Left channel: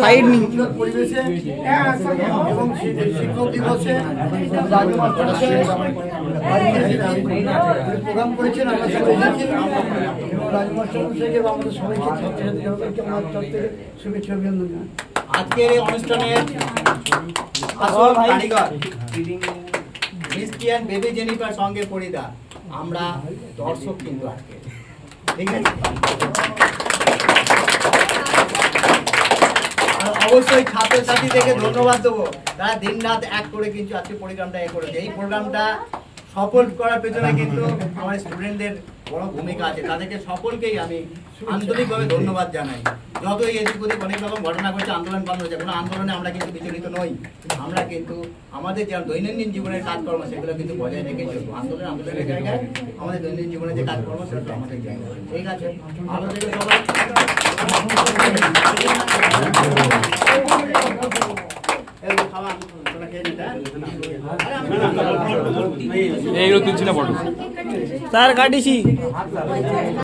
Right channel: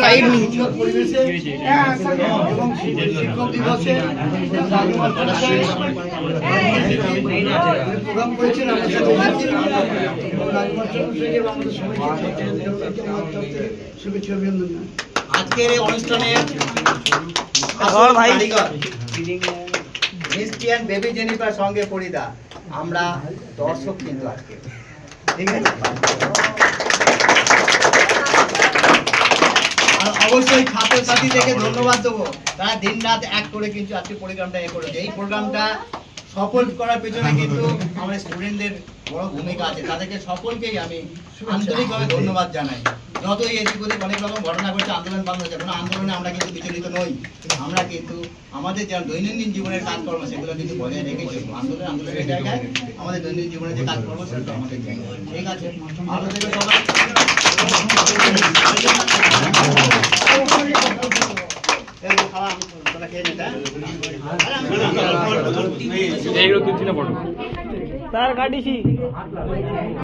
Side পরিবেশে এবং শিক্ষক দিবসে প্রোগ্রাম করেছেন শুভেচ্ছা অভিনন্দন। আজকের এই অনুষ্ঠানের মিষ্টি অ্যান্ড বেবি জেনিফার সঙ্গে পরিদা আমরা দর্শক কিন্তু আজকে ঠিক আছে। অবশ্যই ছাত্রছাত্রীদেরকে ধন্যবাদ দেবো, তারা দিন রাত এক করে কিন্তু আজকে প্রোগ্রামটা করেছে। এই প্রোগ্রামটা সফল করার পেছনে কিন্তু আমার স্টুডেন্টদের বড় ভূমিকা আছে, তাদেরকে সকলকেই আমি আন্তরিকভাবে ধন্যবাদ জানাই। যতই এদিক ওদিক অনেক রকম ঘটনা ঘটছে, আন্দোলন বন্ধ হচ্ছে, কোনো আন্দোলনে আমরা কিন্তু বিচলিত নই। আমরা কিন্তু আমাদের যে দৈনন্দিন জীবনের কাজকর্ম সেগুলো কিন্তু বজায় রেখে চলবো। আন্দোলনের জায়গায় আমাদের দৈনন্দিন জীবনের যে কাজকর্ম সেগুলো আমাদের জায়গায়। ঠিক আছে, ভালো থেকে সবাই। স্যার কাটিছি।